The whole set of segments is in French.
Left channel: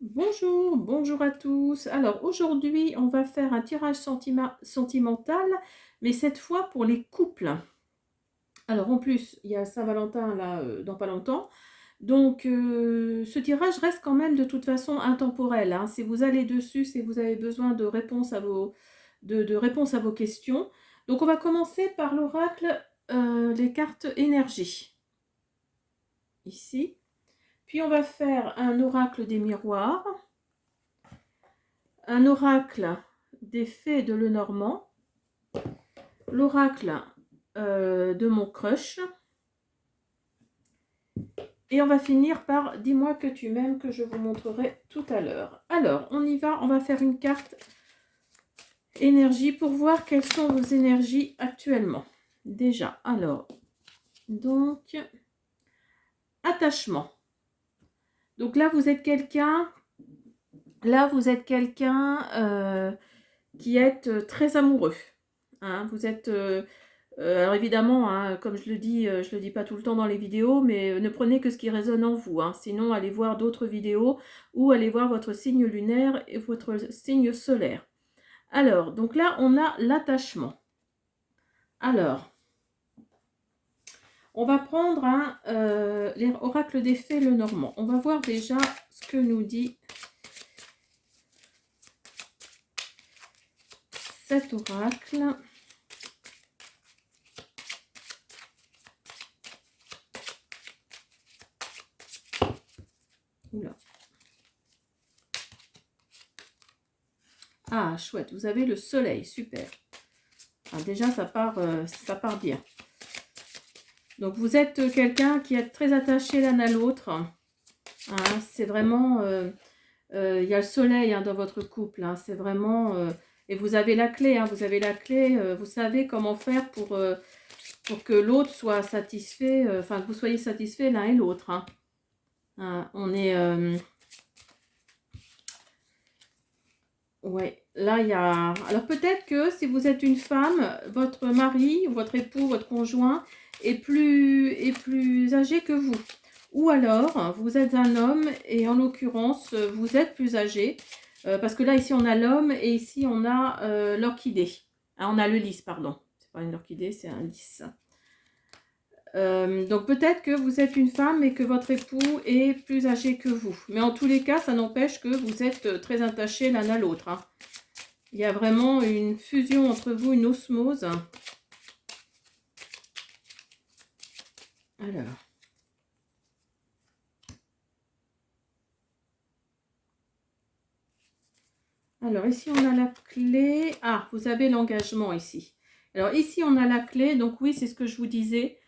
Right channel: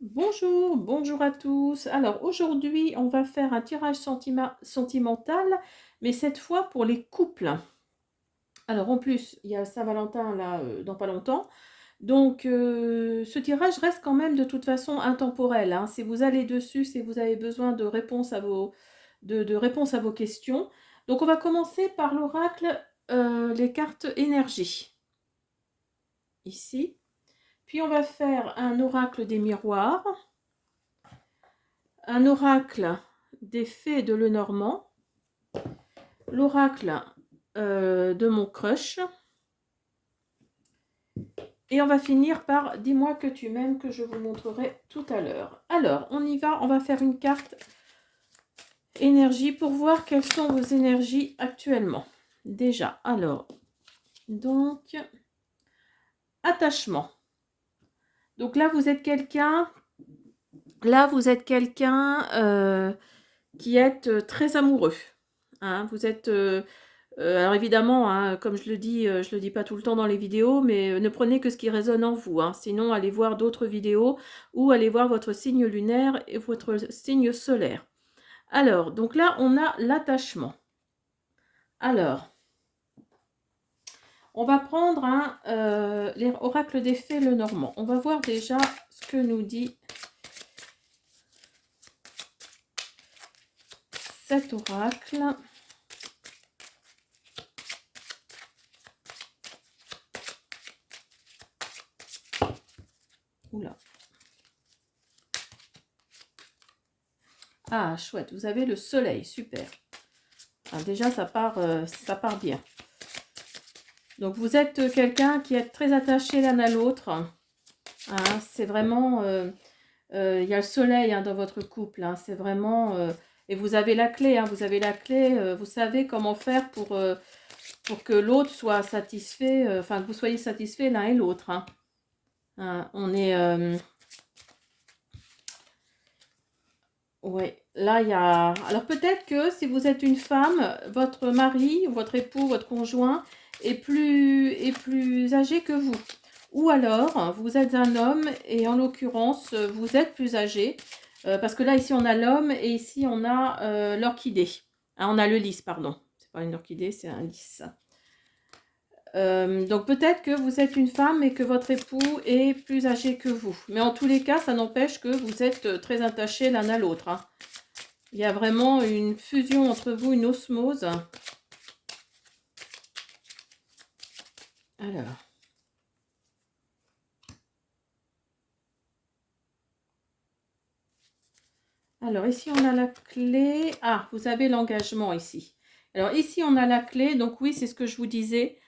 Bonjour, bonjour à tous. Alors aujourd'hui, on va faire un tirage sentimental, mais cette fois pour les couples. Alors en plus, il y a Saint-Valentin là dans pas longtemps. Donc ce tirage reste quand même de toute façon intemporel, hein. Si vous allez dessus, si vous avez besoin de réponses à de réponses à vos questions. Donc on va commencer par l'oracle, les cartes énergie, ici. Puis on va faire un oracle des miroirs, un oracle des fées de Lenormand, l'oracle de mon crush, et on va finir par dis-moi que tu m'aimes, que je vous montrerai tout à l'heure. Alors, on y va, on va faire une carte énergie pour voir quelles sont vos énergies actuellement. Déjà, alors, donc, attachement. Donc là, vous êtes quelqu'un, qui est très amoureux. Hein, vous êtes alors évidemment, hein, comme je le dis pas tout le temps dans les vidéos, mais ne prenez que ce qui résonne en vous, hein. Sinon, allez voir d'autres vidéos ou allez voir votre signe lunaire et votre signe solaire. Alors, donc là, on a l'attachement. Alors, on va prendre l'oracle des fées Lenormand. On va voir déjà ce que nous dit cet oracle. Oula. Ah, chouette, vous avez le soleil, super. Alors déjà, ça part bien. Donc, vous êtes quelqu'un qui est très attaché l'un à l'autre. Hein, c'est vraiment... il y a le soleil, hein, dans votre couple. Hein, c'est vraiment... et vous avez la clé. Hein, vous avez la clé. Vous savez comment faire pour que l'autre soit satisfait. Enfin, que vous soyez satisfaits l'un et l'autre. Hein. Hein, on est... ouais, là, il y a... Alors, peut-être que si vous êtes une femme, votre mari, votre époux, votre conjoint est plus âgé que vous. Ou alors, vous êtes un homme et en l'occurrence, vous êtes plus âgé. Parce que là, ici, on a l'homme et ici, on a l'orchidée. Hein, on a le lys, pardon. C'est pas une orchidée, c'est un lys. Donc peut-être que vous êtes une femme et que votre époux est plus âgé que vous. Mais en tous les cas, ça n'empêche que vous êtes très attachés l'un à l'autre. Hein. Il y a vraiment une fusion entre vous, une osmose. Alors. Alors ici, on a la clé. Ah, vous avez l'engagement ici. Alors ici, on a la clé. Donc oui, c'est ce que je vous disais.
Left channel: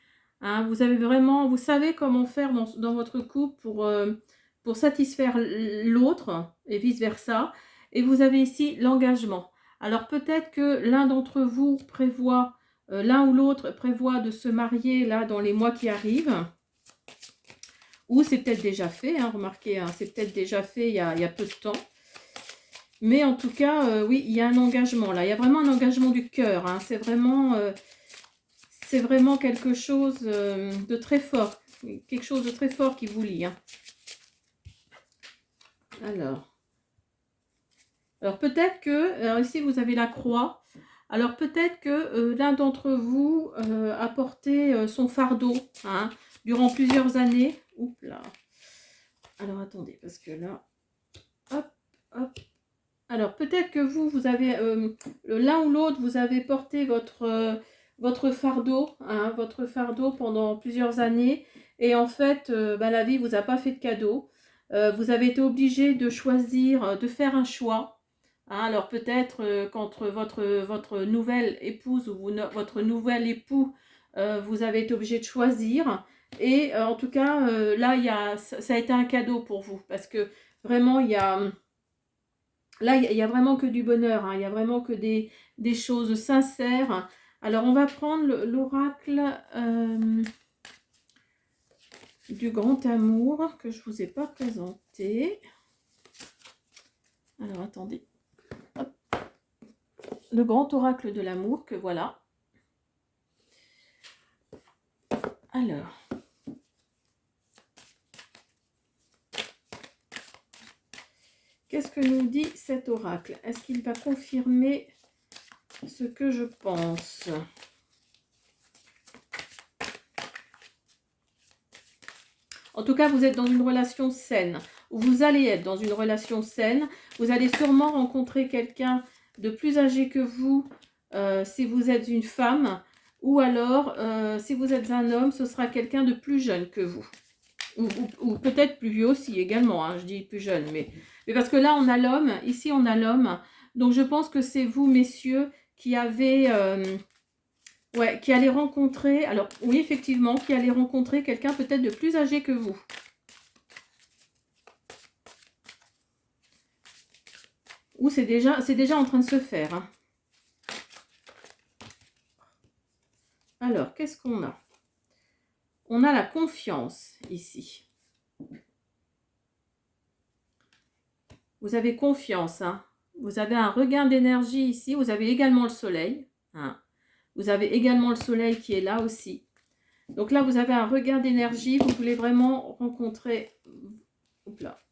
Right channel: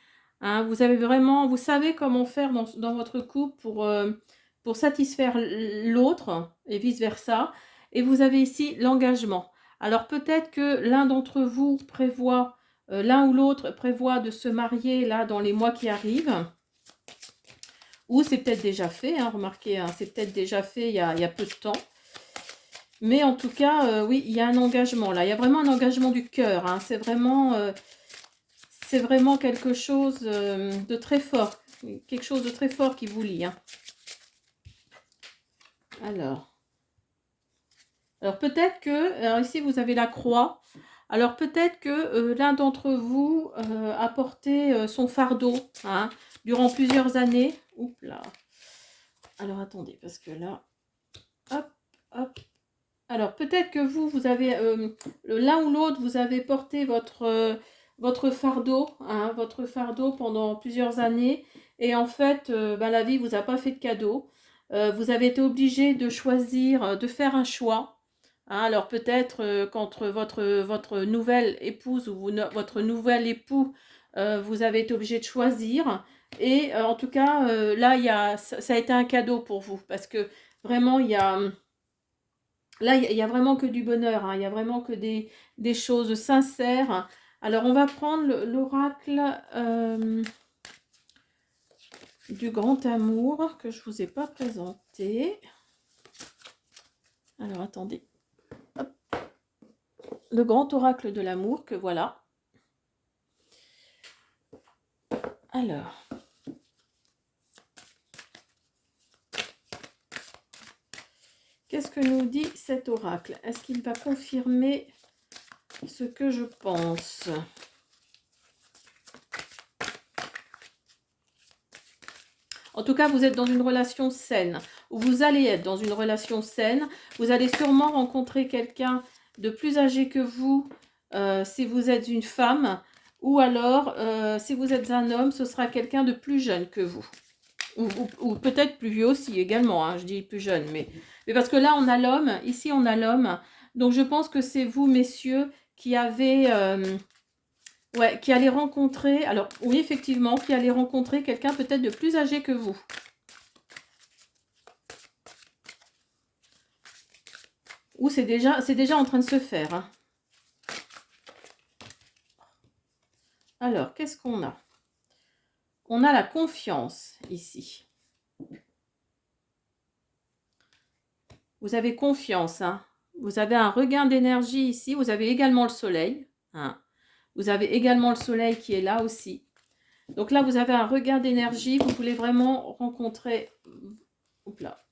Hein, vous avez vraiment, vous savez comment faire dans votre couple pour satisfaire l'autre et vice-versa. Et vous avez ici l'engagement. Alors peut-être que l'un d'entre vous prévoit, l'un ou l'autre prévoit de se marier là dans les mois qui arrivent. Ou c'est peut-être déjà fait, hein, remarquez, hein, c'est peut-être déjà fait il y a peu de temps. Mais en tout cas, oui, il y a un engagement là. Il y a vraiment un engagement du cœur. Hein. C'est vraiment quelque chose de très fort. Quelque chose de très fort qui vous lie. Hein. Alors peut-être que, alors ici vous avez la croix. Alors peut-être que l'un d'entre vous a porté son fardeau, hein, durant plusieurs années. Oups là. Alors attendez, parce que là, hop, hop. Alors, peut-être que vous avez, l'un ou l'autre, vous avez porté votre fardeau pendant plusieurs années. Et en fait, la vie vous a pas fait de cadeau. Vous avez été obligé de choisir, de faire un choix. Hein. Alors, peut-être qu'entre votre nouvelle épouse ou votre nouvel époux, vous avez été obligé de choisir. Et en tout cas, là, ça a été un cadeau pour vous. Parce que vraiment, il y a... Là, il n'y a vraiment que du bonheur, hein. Il n'y a vraiment que des choses sincères. Alors, on va prendre l'oracle du grand amour que je ne vous ai pas présenté. Alors, attendez. Hop. Le grand oracle de l'amour, que voilà. Alors. Qu'est-ce que nous dit cet oracle? Est-ce qu'il va confirmer ce que je pense? En tout cas, vous êtes dans une relation saine, ou vous allez être dans une relation saine. Vous allez sûrement rencontrer quelqu'un de plus âgé que vous, si vous êtes une femme, ou alors, si vous êtes un homme, ce sera quelqu'un de plus jeune que vous. Ou peut-être plus vieux aussi également, hein, je dis plus jeune, mais parce que là, on a l'homme, ici, on a l'homme. Donc, je pense que c'est vous, messieurs, qui avez... ouais, qui allez rencontrer, alors oui, effectivement, qui allez rencontrer quelqu'un peut-être de plus âgé que vous. Ou c'est déjà en train de se faire. Hein. Alors, qu'est-ce qu'on a? On a la confiance ici. Vous avez confiance. Hein. Vous avez un regain d'énergie ici. Vous avez également le soleil. Hein. Vous avez également le soleil qui est là aussi. Donc là, vous avez un regain d'énergie. Vous voulez vraiment rencontrer... Oups là.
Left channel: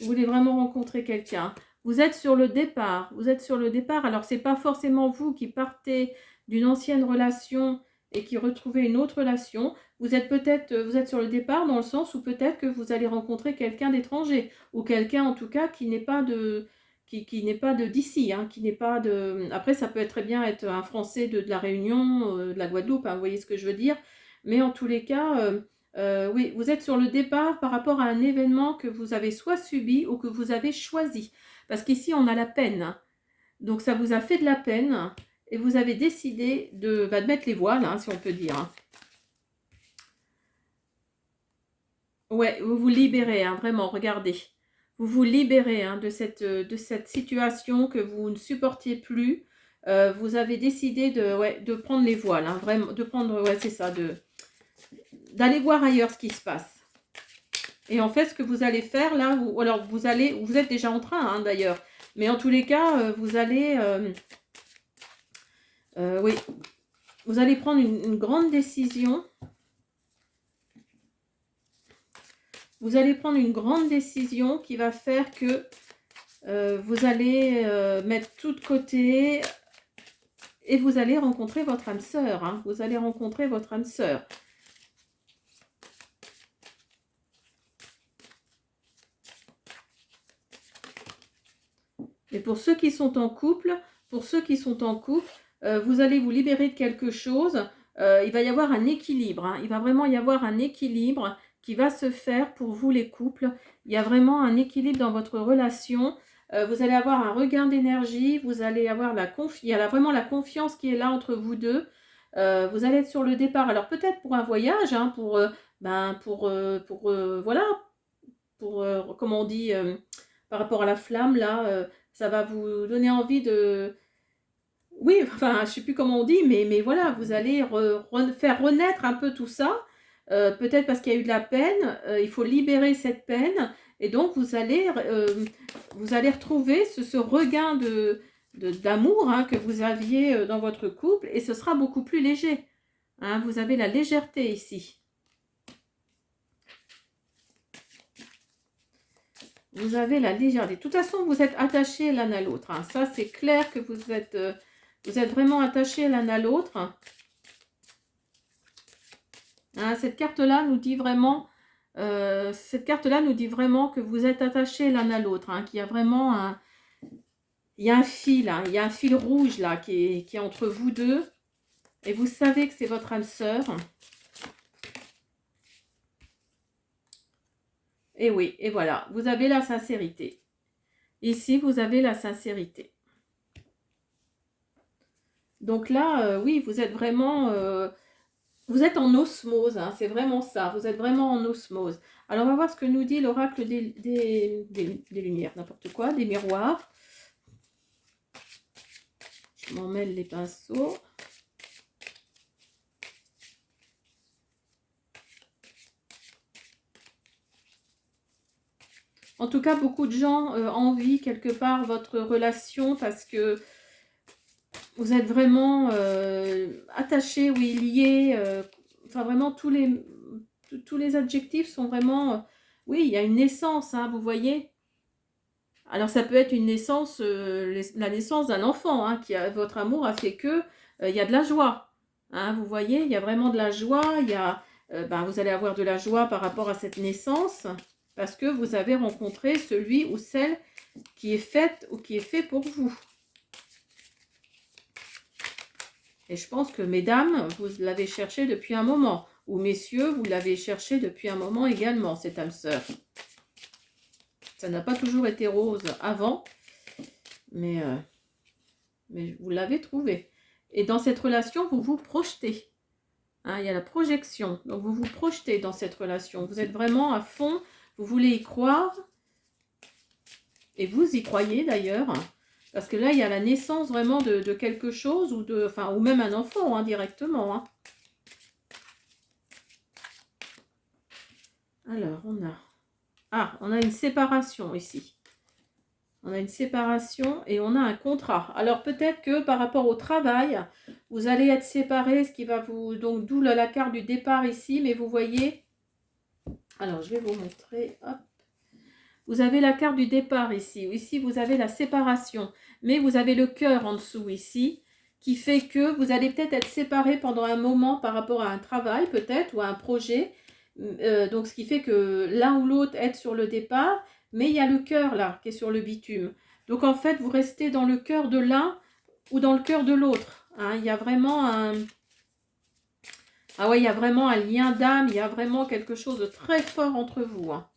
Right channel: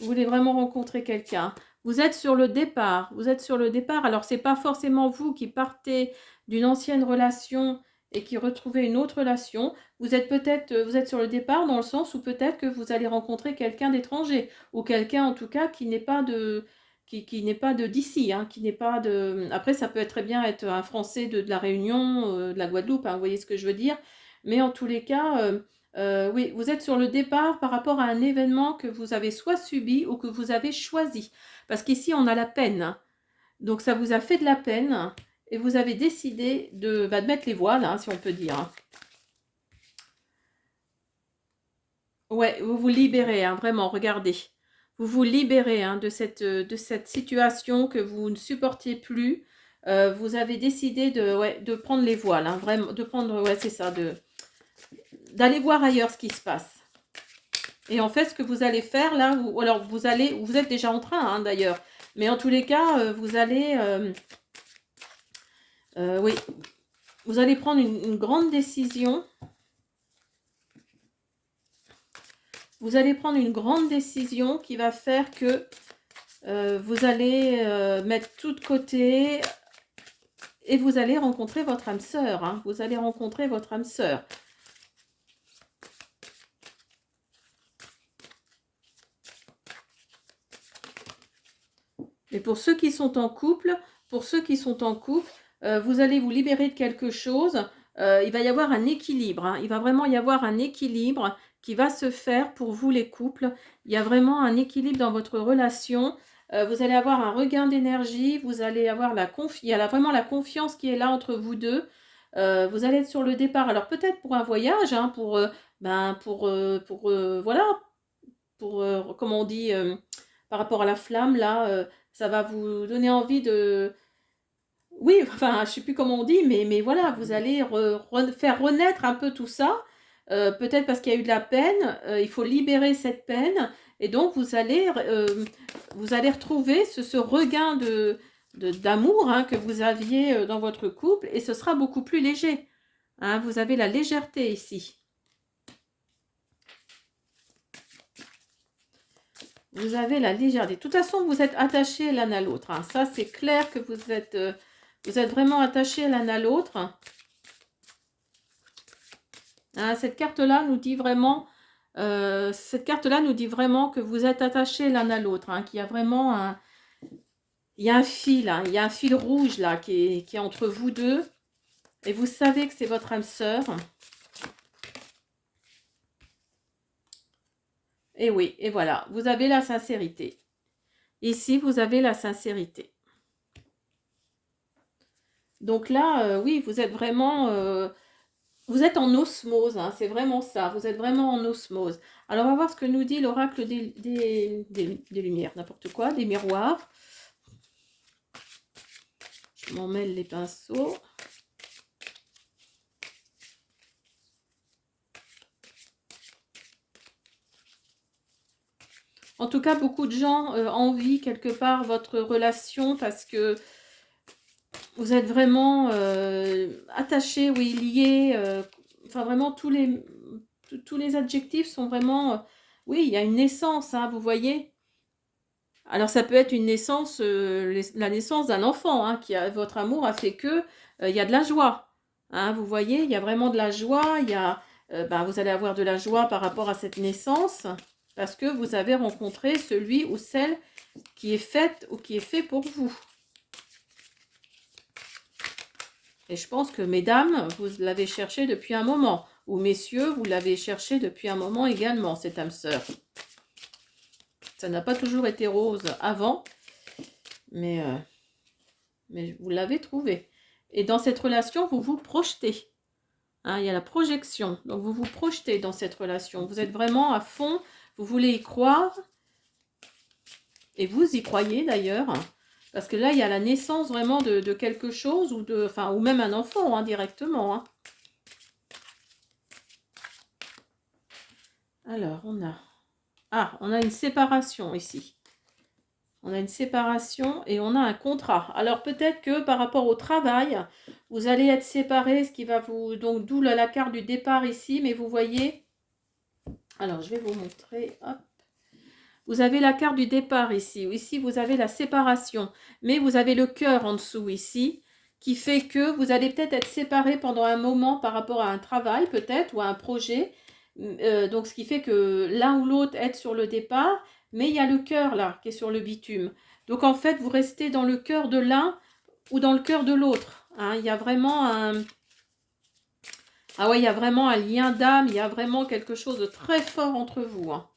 Vous voulez vraiment rencontrer quelqu'un. Vous êtes sur le départ. Vous êtes sur le départ. Alors, ce n'est pas forcément vous qui partez d'une ancienne relation et qui retrouvez une autre relation. Vous êtes sur le départ dans le sens où peut-être que vous allez rencontrer quelqu'un d'étranger ou quelqu'un en tout cas qui n'est pas de qui n'est pas de d'ici, hein, qui n'est pas de. Après, ça peut très bien être un Français de la Réunion, de la Guadeloupe, hein, vous voyez ce que je veux dire. Mais en tous les cas, oui, vous êtes sur le départ par rapport à un événement que vous avez soit subi ou que vous avez choisi. Parce qu'ici, on a la peine. Hein. Donc, ça vous a fait de la peine et vous avez décidé de mettre les voiles, hein, si on peut dire. Hein. Ouais, vous vous libérez, hein, vraiment, regardez. Vous vous libérez hein, de cette situation que vous ne supportiez plus. Vous avez décidé de prendre les voiles, hein, vraiment, de prendre, ouais, c'est ça, d'aller voir ailleurs ce qui se passe. Et en fait, ce que vous allez faire là, alors vous êtes déjà en train hein, d'ailleurs, mais en tous les cas, vous allez, oui, vous allez prendre une grande décision. Vous allez prendre une grande décision qui va faire que vous allez mettre tout de côté et vous allez rencontrer votre âme sœur. Hein. Vous allez rencontrer votre âme sœur. Et pour ceux qui sont en couple, vous allez vous libérer de quelque chose. Il va y avoir un équilibre. Hein. Il va vraiment y avoir un équilibre qui va se faire pour vous les couples. Il y a vraiment un équilibre dans votre relation. Vous allez avoir un regain d'énergie. Vous allez avoir il y a vraiment la confiance qui est là entre vous deux. Vous allez être sur le départ. Alors peut-être pour un voyage, hein, voilà, comme on dit, par rapport à la flamme là. Ça va vous donner envie de... Oui, enfin, je ne sais plus comment on dit, mais voilà, vous allez faire renaître un peu tout ça. Peut-être parce qu'il y a eu de la peine, il faut libérer cette peine. Et donc, vous allez retrouver ce regain d'amour hein, que vous aviez dans votre couple. Et ce sera beaucoup plus léger. Hein, vous avez la légèreté ici. Vous avez la légèreté. De toute façon, vous êtes attachés l'un à l'autre. Hein. Ça, c'est clair que vous êtes vraiment attachés l'un à l'autre. Hein, cette carte-là nous dit vraiment que vous êtes attachés l'un à l'autre. Hein, qu'il y a vraiment il y a un fil, hein, il y a un fil rouge là qui est entre vous deux. Et vous savez que c'est votre âme sœur. Et oui, et voilà, vous avez la sincérité. Ici, vous avez la sincérité. Donc là, oui, vous êtes vraiment... vous êtes en osmose, hein, c'est vraiment ça. Vous êtes vraiment en osmose. Alors, on va voir ce que nous dit l'oracle des lumières, n'importe quoi, des miroirs. Je m'en mêle les pinceaux. En tout cas, beaucoup de gens envient quelque part votre relation parce que vous êtes vraiment attachés, oui, liés. Enfin, vraiment, tous les adjectifs sont vraiment... oui, il y a une naissance, hein, vous voyez. Alors ça peut être une naissance, la naissance d'un enfant, hein, votre amour a fait que, il y a de la joie. Hein, vous voyez? Il y a vraiment de la joie, il y a, ben, vous allez avoir de la joie par rapport à cette naissance, parce que vous avez rencontré celui ou celle qui est faite ou qui est fait pour vous. Et je pense que mesdames, vous l'avez cherché depuis un moment. Ou messieurs, vous l'avez cherché depuis un moment également, cette âme sœur. Ça n'a pas toujours été rose avant, mais vous l'avez trouvé. Et dans cette relation, vous vous projetez. Hein, il y a la projection. Donc, vous vous projetez dans cette relation. Vous êtes vraiment à fond. Vous voulez y croire. Et vous y croyez d'ailleurs. Parce que là, il y a la naissance vraiment de quelque chose. Ou même un enfant, hein, directement. Hein. Alors, on a une séparation ici. On a une séparation et on a un contrat. Alors peut-être que par rapport au travail, vous allez être séparés, ce qui va vous... Donc d'où la carte du départ ici, mais vous voyez... Alors je vais vous montrer. Hop. Vous avez la carte du départ ici. Ici vous avez la séparation, mais vous avez le cœur en dessous ici, qui fait que vous allez peut-être être séparés pendant un moment par rapport à un travail peut-être ou à un projet. Donc ce qui fait que l'un ou l'autre est sur le départ, mais il y a le cœur là qui est sur le bitume. Donc en fait vous restez dans le cœur de l'un ou dans le cœur de l'autre. Hein. Il y a vraiment il y a vraiment un lien d'âme, il y a vraiment quelque chose de très fort entre vous. Hein.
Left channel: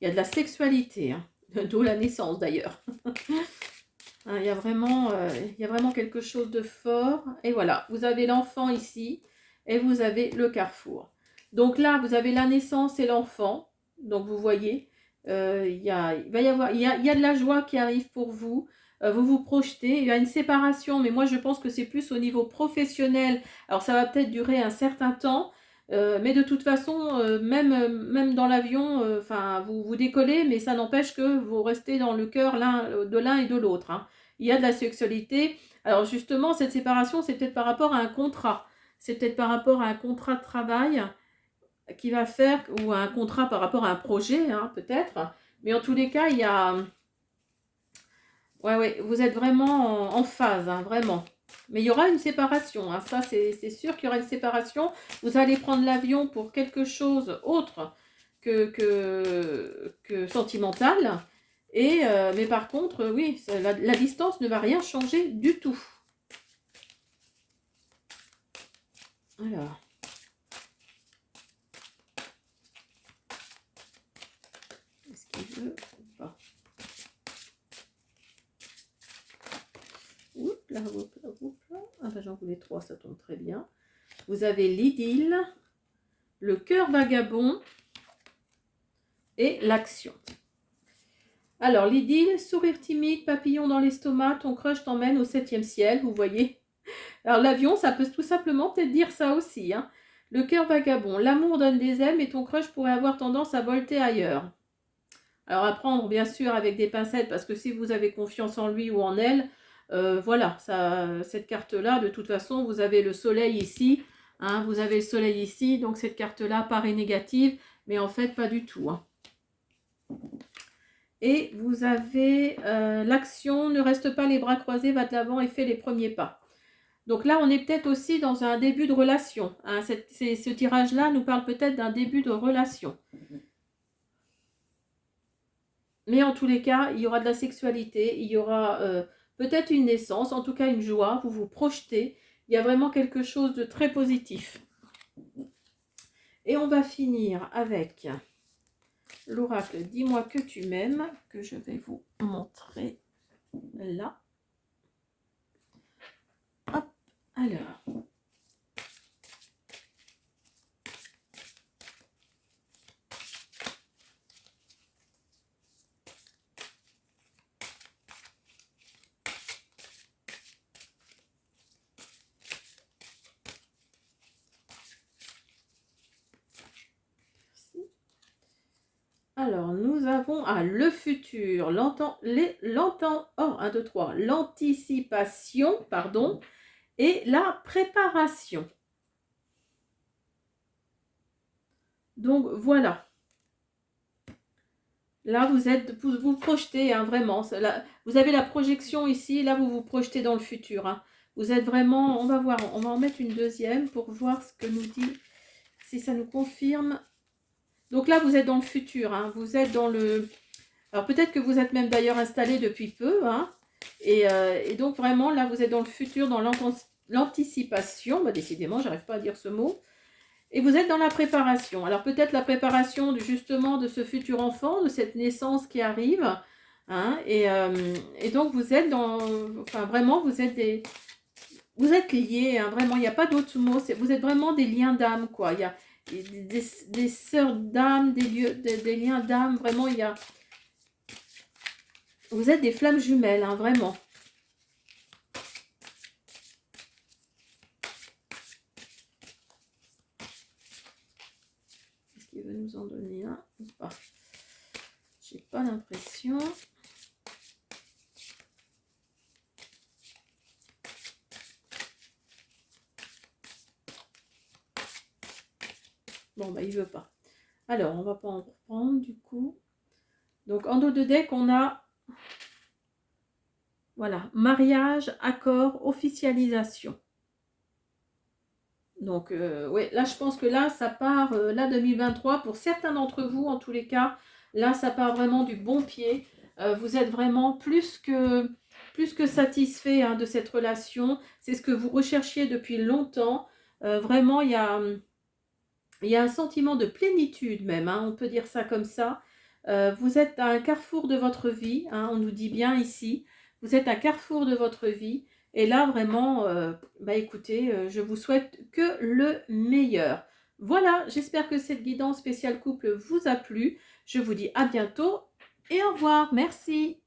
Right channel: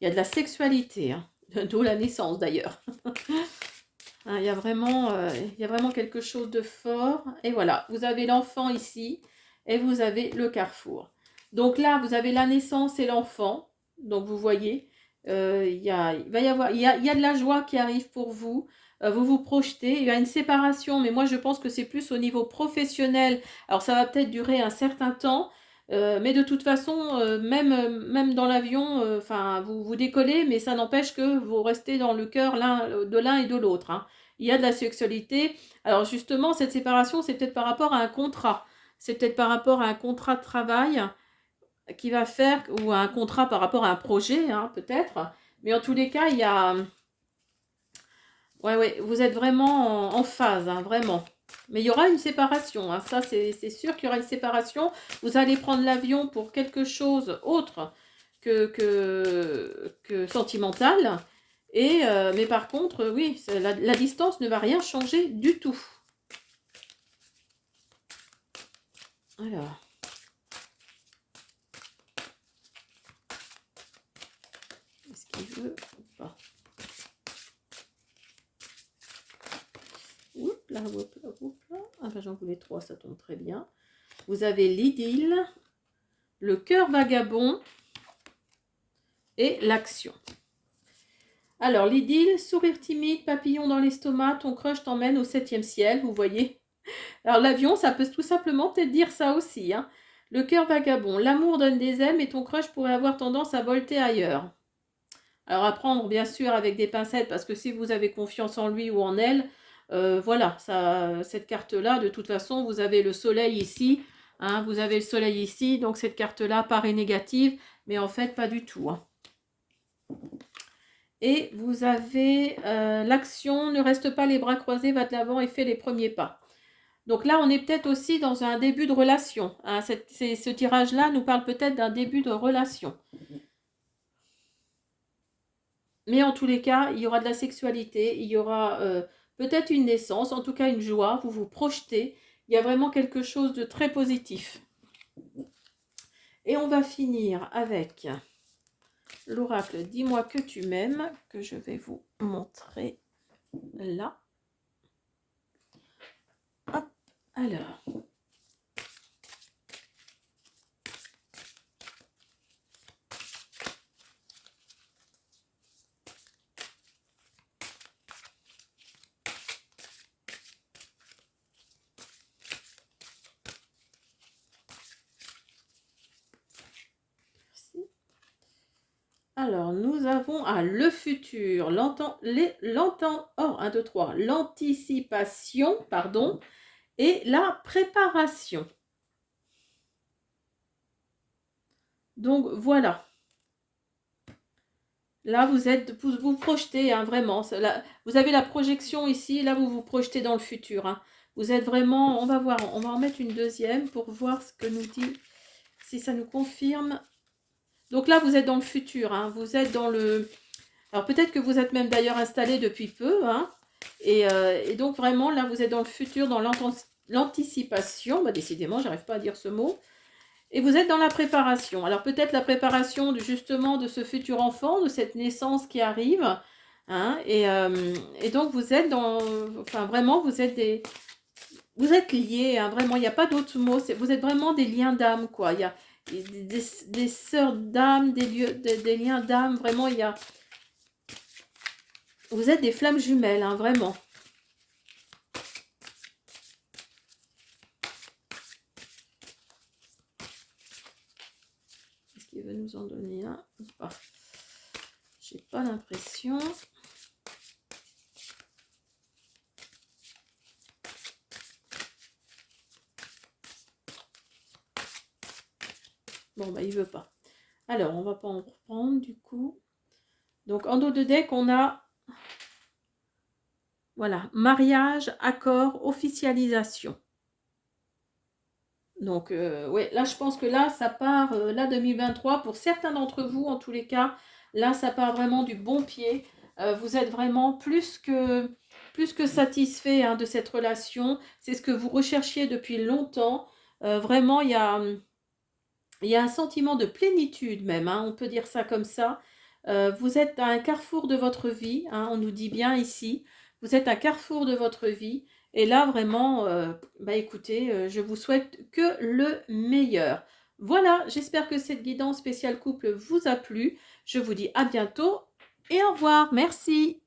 Il y a de la sexualité, hein. D'où la naissance d'ailleurs. Hein, il y a vraiment quelque chose de fort. Et voilà, vous avez l'enfant ici et vous avez le carrefour. Donc là, vous avez la naissance et l'enfant. Donc vous voyez, il y a de la joie qui arrive pour vous. Vous vous projetez. Il y a une séparation, mais moi je pense que c'est plus au niveau professionnel. Alors ça va peut-être durer un certain temps. Mais de toute façon, même dans l'avion, vous décollez, mais ça n'empêche que vous restez dans le cœur de l'un et de l'autre. Hein. Il y a de la sexualité. Alors justement, cette séparation, c'est peut-être par rapport à un contrat. C'est peut-être par rapport à un contrat de travail qui va faire, ou à un contrat par rapport à un projet, hein, peut-être. Mais en tous les cas, il y a... Ouais, vous êtes vraiment en phase, hein, vraiment. Mais il y aura une séparation, hein, ça c'est sûr qu'il y aura une séparation. Vous allez prendre l'avion pour quelque chose autre que sentimental. Mais par contre, oui, la distance ne va rien changer du tout. Alors. Est-ce qu'il veut ou pas? Oups là, Ah ben, j'en voulais 3, ça tombe très bien. Vous avez l'idylle, le cœur vagabond et l'action. Alors, l'idylle, sourire timide, papillon dans l'estomac, ton crush t'emmène au 7e ciel, vous voyez. Alors, l'avion, ça peut tout simplement peut-être dire ça aussi. Hein. Le cœur vagabond, l'amour donne des ailes, mais ton crush pourrait avoir tendance à volter ailleurs. Alors, à prendre, bien sûr, avec des pincettes, parce que si vous avez confiance en lui ou en elle, voilà, cette carte-là, de toute façon, vous avez le soleil ici. Hein, vous avez le soleil ici, donc cette carte-là paraît négative, mais en fait, pas du tout. Hein. Et vous avez l'action, ne reste pas les bras croisés, va de l'avant et fais les premiers pas. Donc là, on est peut-être aussi dans un début de relation. Hein. Ce tirage-là nous parle peut-être d'un début de relation. Mais en tous les cas, il y aura de la sexualité, il y aura peut-être une naissance, en tout cas une joie, vous vous projetez. Il y a vraiment quelque chose de très positif. Et on va finir avec l'oracle « Dis-moi que tu m'aimes » que je vais vous montrer là. Hop, alors. Alors, nous avons le futur, l'anticipation, pardon, et la préparation. Donc, voilà. Là, vous vous projetez, hein, vraiment. Là, vous avez la projection ici, là, vous vous projetez dans le futur. Hein. Vous êtes vraiment, on va voir, on va en mettre une deuxième pour voir ce que nous dit, si ça nous confirme. Donc là, vous êtes dans le futur, hein, vous êtes dans le... Alors peut-être que vous êtes même d'ailleurs installé depuis peu, hein, et donc vraiment, là, vous êtes dans le futur, dans l'anticipation. Bah, décidément, j'arrive pas à dire ce mot. Et vous êtes dans la préparation. Alors peut-être la préparation justement de ce futur enfant, de cette naissance qui arrive. Hein, et donc vous êtes dans... Enfin vraiment, vous êtes des... Vous êtes liés, hein, vraiment, il n'y a pas d'autre mot. Vous êtes vraiment des liens d'âme, quoi. Il y a des sœurs d'âme, des liens d'âme. Vraiment, il y a... Vous êtes des flammes jumelles, hein, vraiment. Est-ce qu'il veut nous en donner un ou pas? J'ai pas l'impression. Bon, bah, il veut pas. Alors, on va pas en reprendre, du coup. Donc, en dos de deck, on a... Voilà, mariage, accord, officialisation. Donc, oui, là, je pense que là, ça part, là, 2023, pour certains d'entre vous, en tous les cas, là, ça part vraiment du bon pied. Vous êtes vraiment plus que satisfait, hein, de cette relation. C'est ce que vous recherchiez depuis longtemps. Vraiment, il y a un sentiment de plénitude même, hein, on peut dire ça comme ça. Vous êtes à un carrefour de votre vie, hein, on nous dit bien ici. Vous êtes à un carrefour de votre vie. Et là, vraiment, bah écoutez, je vous souhaite que le meilleur. Voilà, j'espère que cette guidance spéciale couple vous a plu. Je vous dis à bientôt et au revoir. Merci.